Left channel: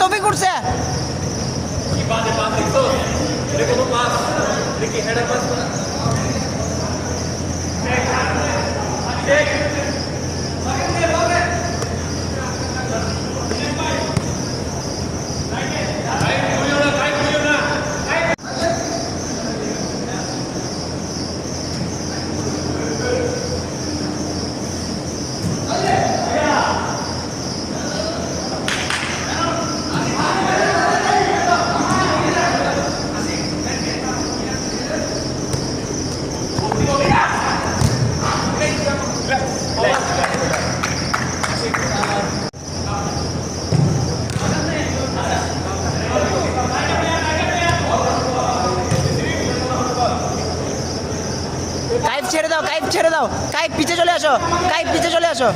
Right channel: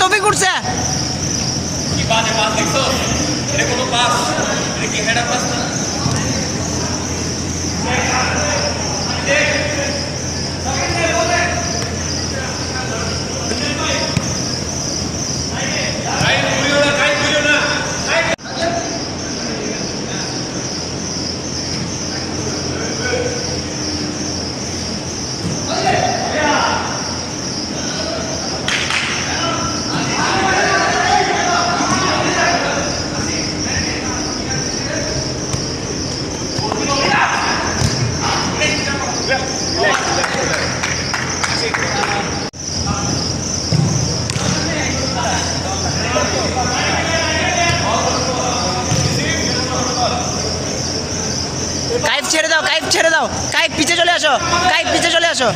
তৌফিক উঠছে ছেড়ে দাও কাইফ পিছে চলে আসো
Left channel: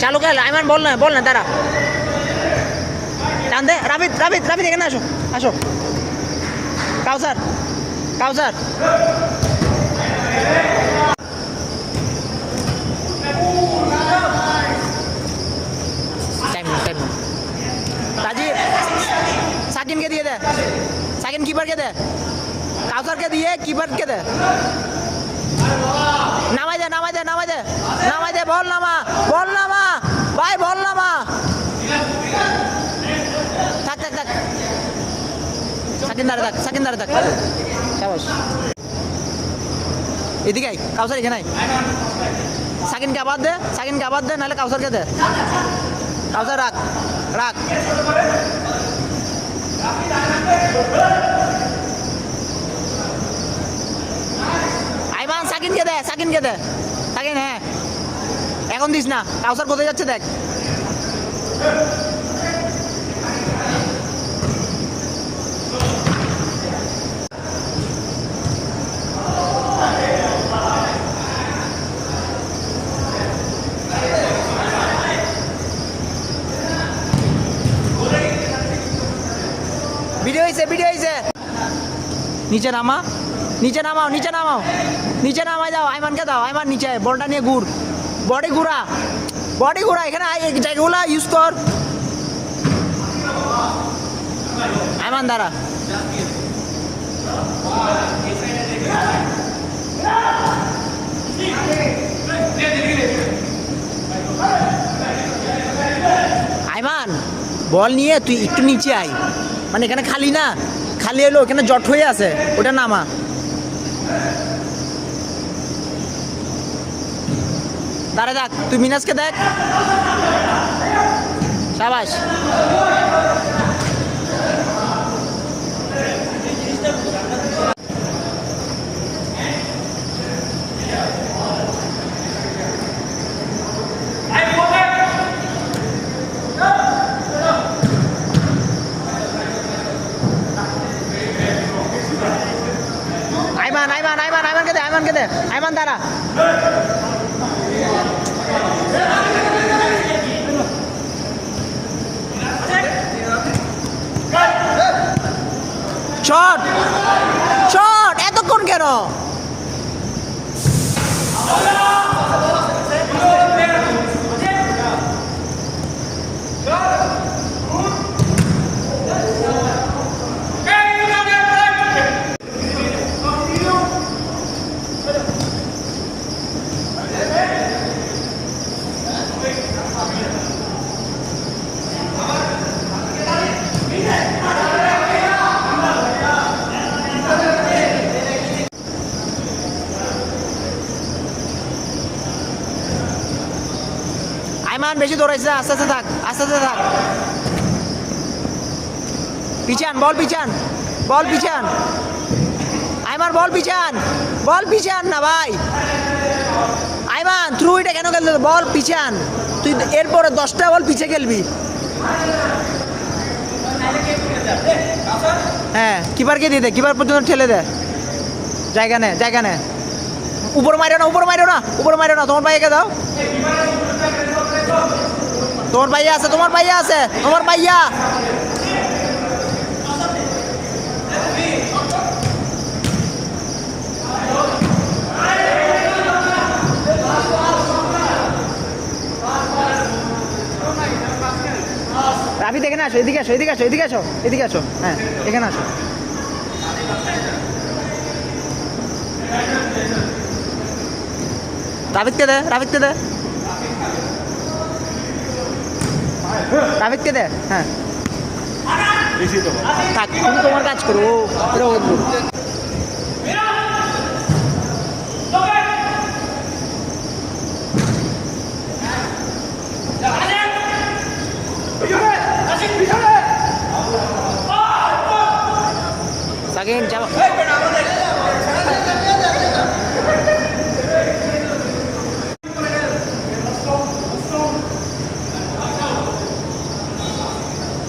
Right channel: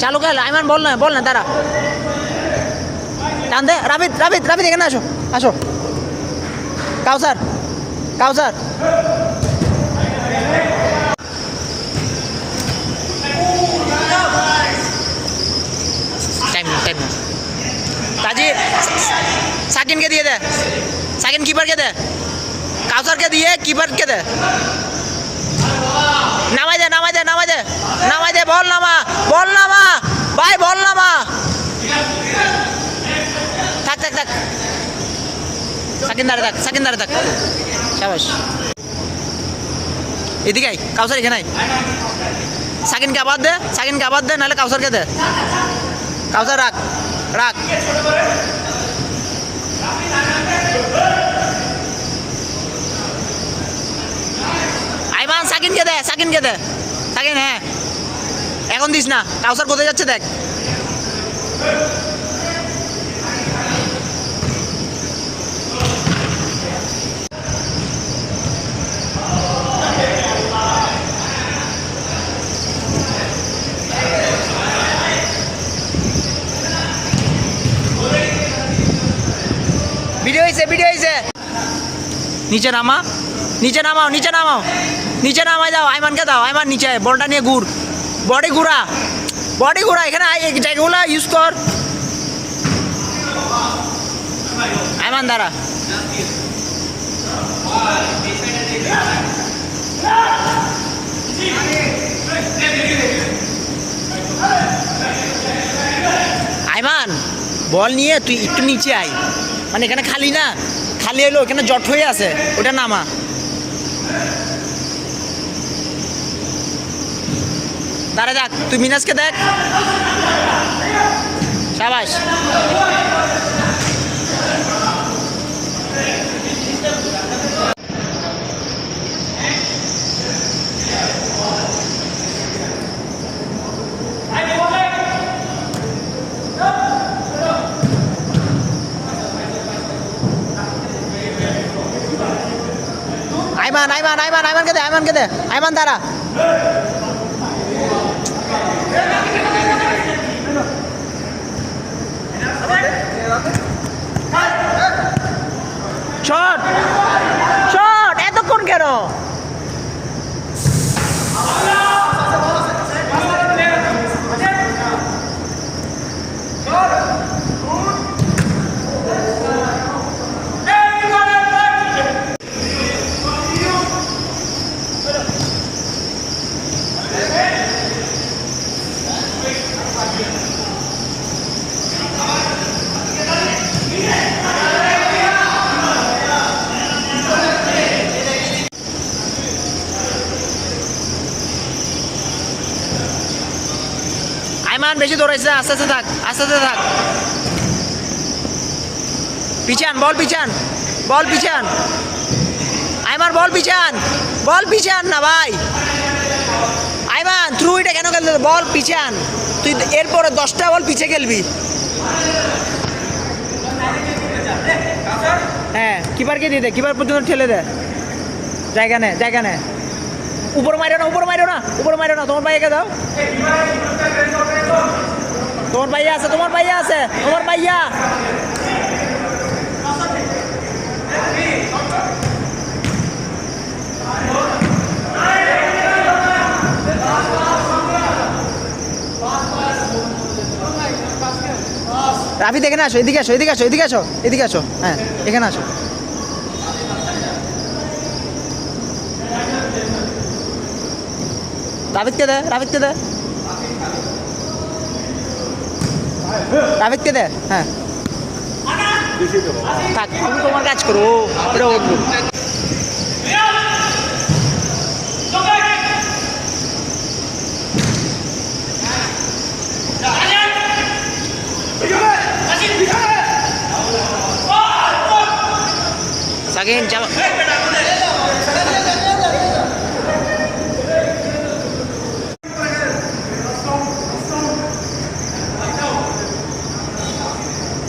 চালু খেল আইমান বল না দাঁড়া টান দে রাবিদ এখানে আসো কাউসার টাইম তাজিদ সাকিনকে দিয়ে দে সাকিন কিপারকে দে কাউসারকে দিয়ে কিপারকে দে নামাই দে বল নামা ভাই বল নামা থাক সাকিন দাঁড়ে থাক শাবাশ এদিকে কাউসার এখানে সাকিনকে আবার দে নাহলে কাউসারকে দে কাউসার রাখ আইমান সাকিনকে দে সাকিন হ্যাঁ এখন দিস না কাউসার কোথায় যাচ্ছে দেখ ভিডিও হয়েছে নিচে নামাই দাও আইমানকে দাও আইমান নিচে বলটা নিয়ে বডি ঘুরা এখানে জায়গাগুলো ইউজ কর আইমান দাঁড়া আইমান বল নিয়ে তুই একটু নিচে আয় মানে এখানে খালি হলো এখানে জট হয়ে আছে ওটা নামা দাঁড়া দেখ তুই মিনাজকে দেখ শাবাশ আইমানকে দে আইমান দাঁড়া শট এতক্ষণ কেন আইমান বেশি দৌড়াইছে আস্তে থাক পিছান বল পিছান আইমান বল পিছান না ভাই। আইমান থ্রু এটা কেন খেলতে, বল পিছান, তুই এরপরে 10টা বল পিছে খেলবি। হ্যাঁ কিপারকে দিয়ে দে, কিপার পর্যন্ত ঠেলে দে, জায়গা নে। উপর মারো না, তোমার ভাইয়াকে দাও, তোমার ভাইয়া আছে। রাফি দেখে না আসো, এদিকে আসো, হ্যাঁ এখানে আসো। রাফিদকে দে, হ্যাঁ থাক, তুমি তোমার কাজ করো, এটা ওর ভুল। সাকিন যাবা,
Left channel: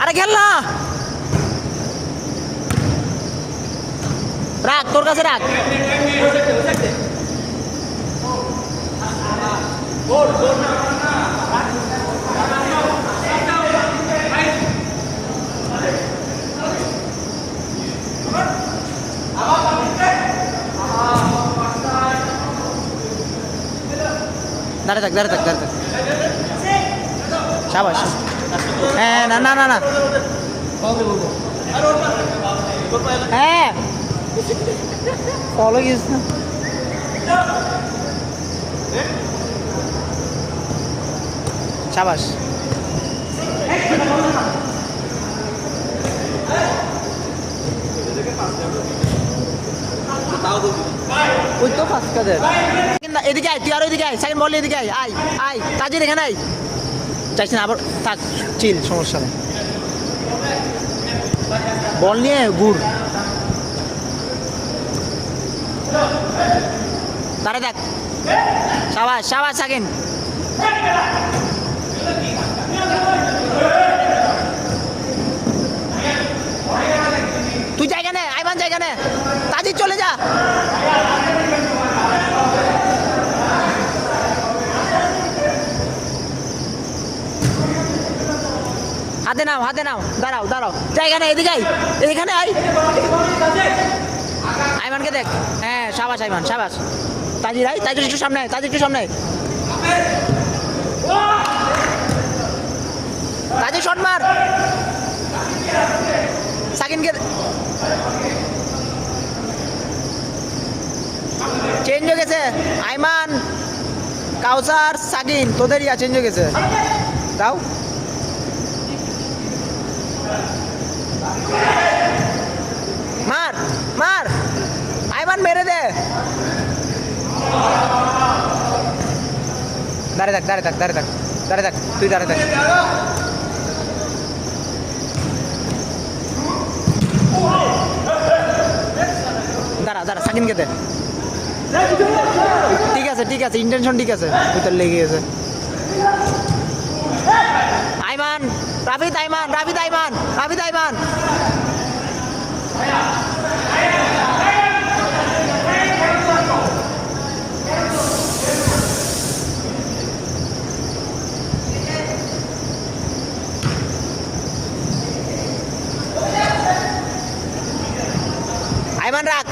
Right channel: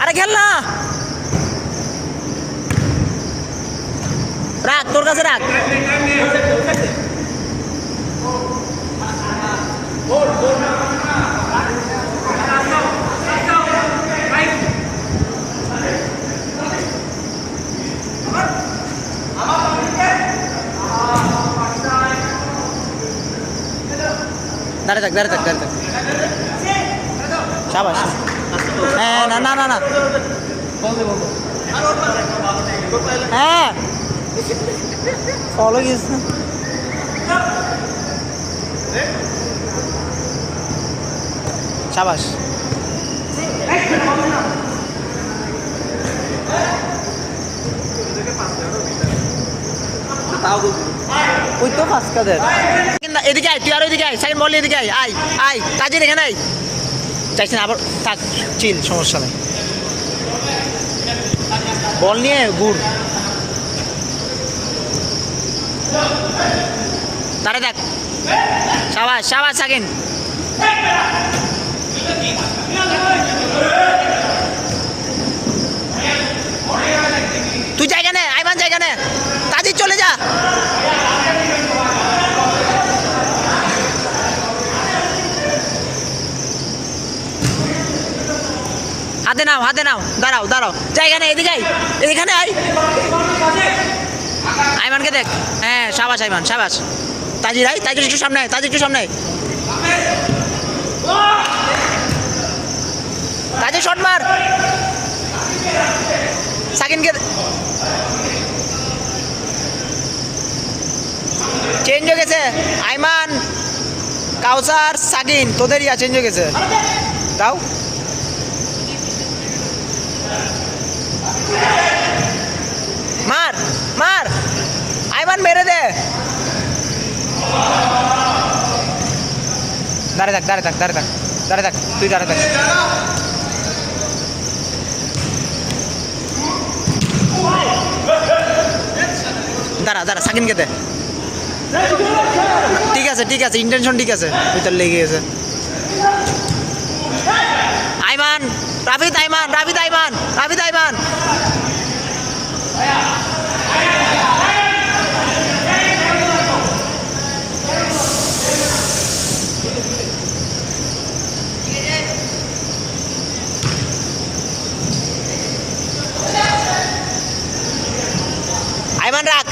আরে খেল না, রাখ তোর কাছে রাখ। দাঁড়িয়ে থাক। শাবাশ। হ্যাঁ না হ্যাঁ ফলো গিয়েছ না, শাবাশ। ওই তো ফার্স্ট কাদের এদিকে আয়, তুই আর ওইদিকে আয়, সাইড বল এদিকে আয় কাজের এখানে আয়, চাইছি না আবার থাক, চিল, সমস্যা নেই। বল নিয়ে গুড়, দাঁড়া দেখ, সাবাস সাকিন। তুই জায়গা নে, আইমান জায়গা নে, তাজিদ চলে যা। হাতে নাও, দাঁড়াও, জায়গা নেই, এখানে আয়। আইমানকে দেখ, হ্যাঁ সাবাস আইমান, সাবাস। তাজিদ একটু সামনে, তাজিদ শট মার। সাকিনকে চেঞ্জ হয়ে গেছে, আইমান, কাউসার, সাকিন, তোদের চেঞ্জ হয়ে গেছে, দাও। মার আইমান, মেরে দে। দাঁড়িয়ে থাক, তুই দাঁড়িয়ে থাক। দাঁড়া সাকিনকে দে। ঠিক আছে, ইন্টেনশন ঠিক আছে, ওই তার লেগে গেছে। আইমান, রাফিদ আইমান। আইমান রাখ।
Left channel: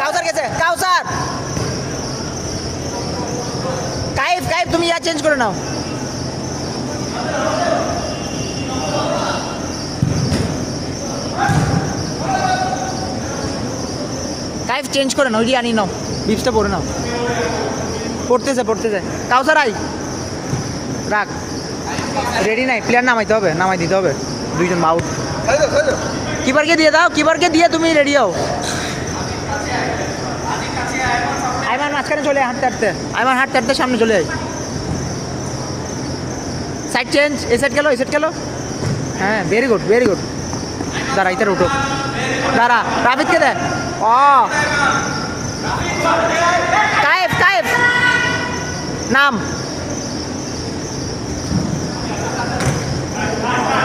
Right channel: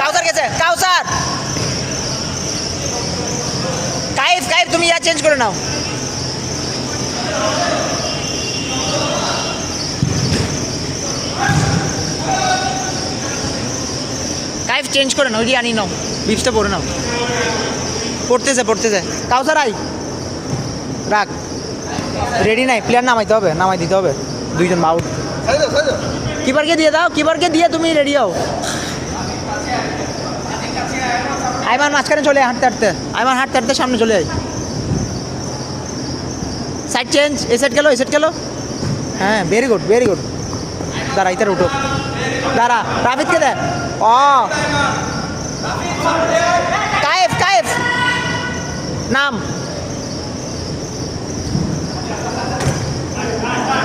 কাউসার গেছে, কাইফ তুমি চেঞ্জ করে নাও। কাইফ চেঞ্জ করে নাও, আনি নাও, বিপসটা পরে নাও। পড়তেছে কাউসার আই, রাখ। রেডি নাই, প্লেয়ার নামাই দিতে হবে, দুইজন আউট। কিপারকে দিয়ে দাও, দিয়ে তুমি রেডি হও। আইমান মাঝখানে চলে হাঁটতে সামনে চলে আয়। সাইড চেঞ্জ, এ সাইড গেল। হ্যাঁ ভেরি গুড। দাঁড়া, ইতার উঠো, রাফিদকে দে, কায়েফ কায়েফ নাম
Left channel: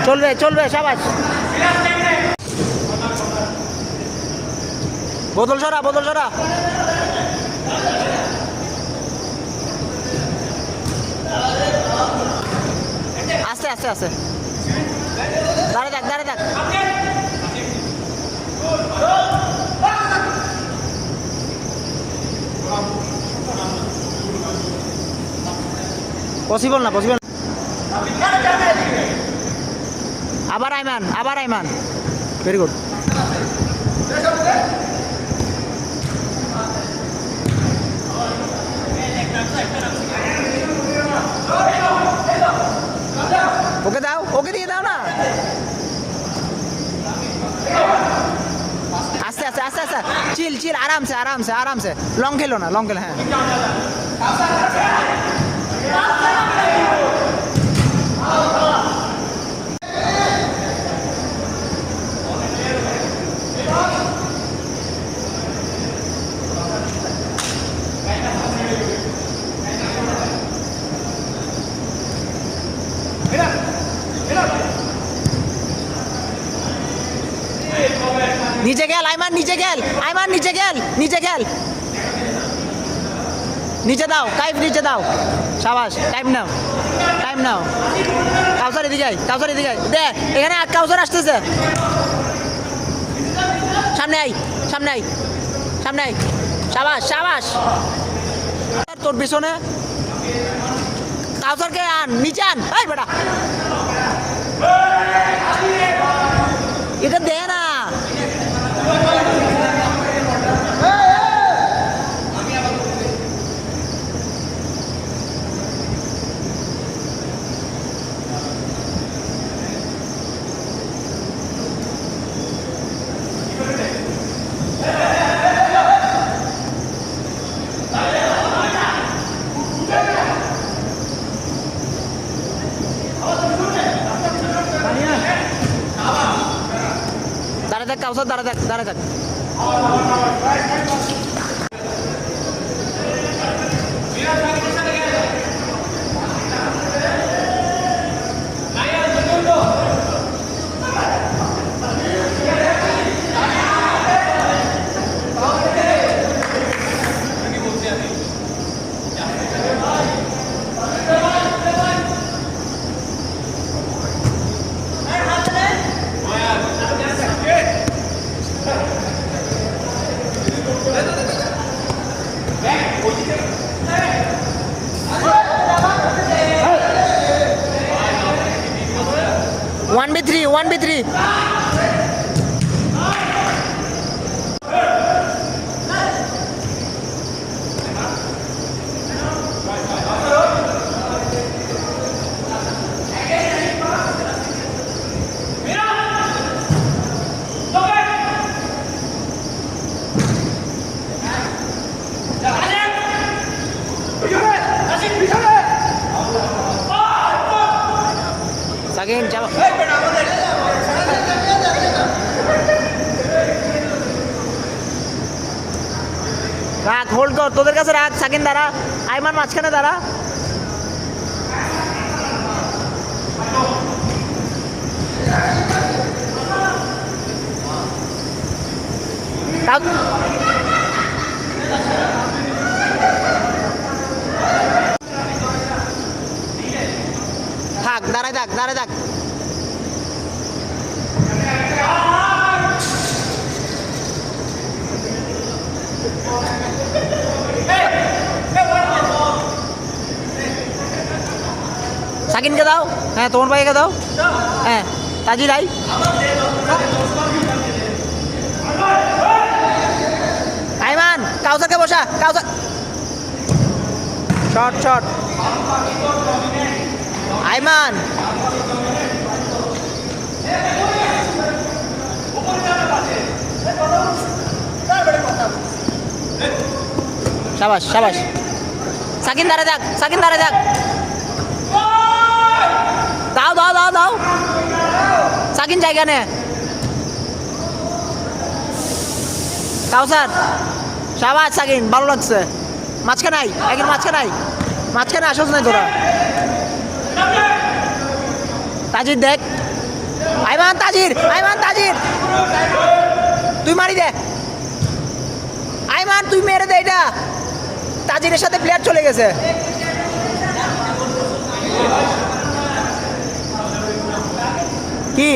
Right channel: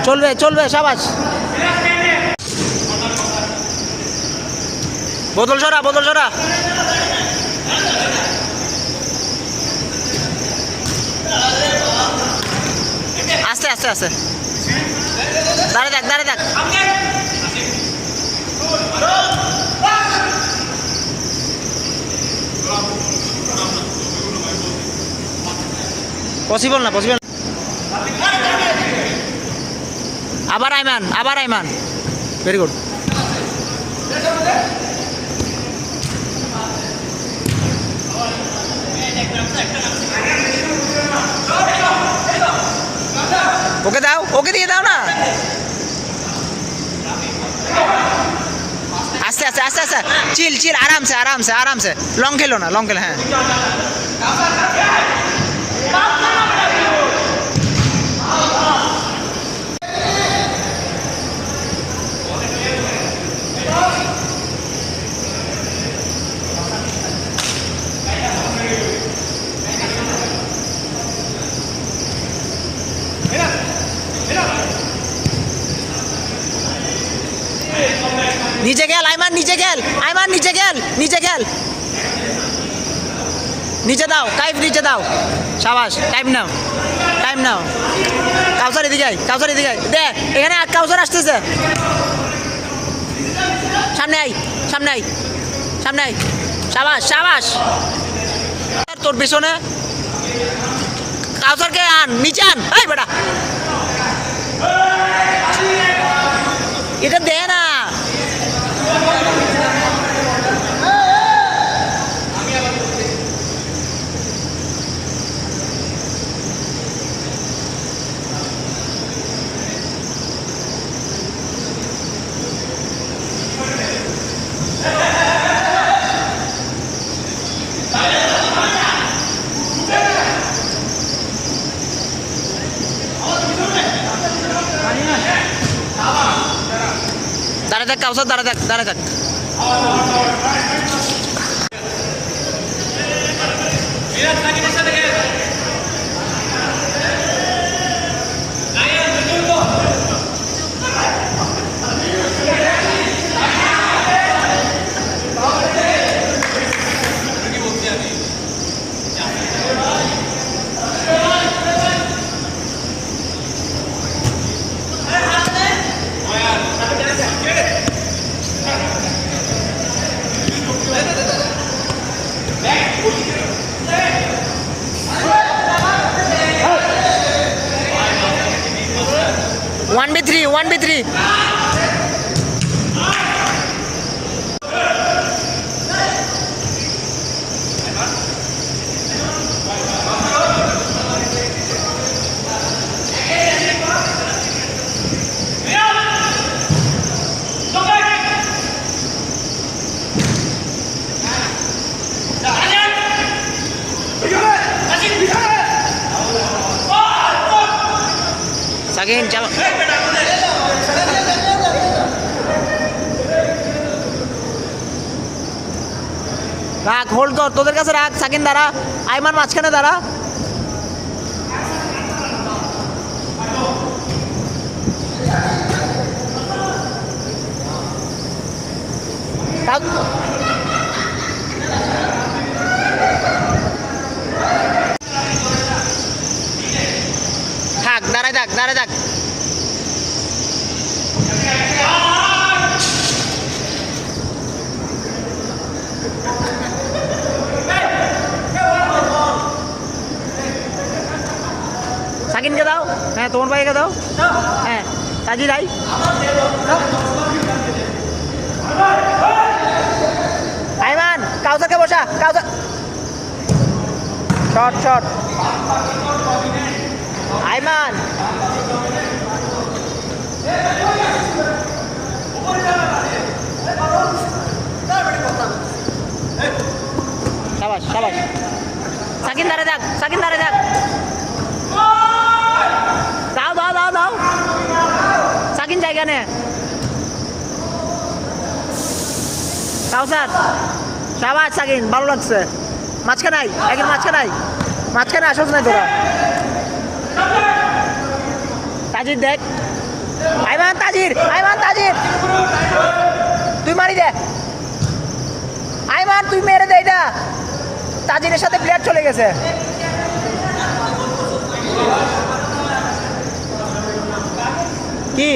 চলবে চলবে সাবাস বোতল সরা আস্তে আস্তে আস্তে দাঁড়ে থাক পসিবল না আবার আইমান ভেরি গুড ওকে দিয়ে দাও না আস্তে চিল আরামসে লং খেলো হ্যাঁ নিচে গেল আইমান নিচে গেল নিচে দাও কাইফ নিচে দাও সাবাস টাইম নাও কাউসার এদিকে আয় দে এখানে কাউসার আসতেছে সামনে আই সাবাস তোর পিছনে কাউসারকে আন নিচে আন এই বেটা এটা দে না দাঁড়া থাক কাউসার দাঁড়া থাক One by three. Again, chalo. রাখ হোল্ড কর তোদের কাছে রাখ সাকিন দাঁড়া আইমান মাঝখানে দাঁড়া থাক দাঁড়ায় থাক সাকিনকে দাও হ্যাঁ তোমার ভাইকে দাও হ্যাঁ তাজি দাই আইমান কাউসারকে বসা কাউসার শট আইমান শাবাশ সাকিন দাঁড়া থাক দাও সাকিন জায়গা নে কাউসার শাবাশ সাকিন ভালো লাগছে মাঝখানে আই একজন মাঝখানে আসোস নাই তোরা তাজির দেখ আইমান তাজির তুই মারি দে আইমান তুই মেরে দে এটা তাজিরের সাথে প্লেয়ার চলে গেছে কি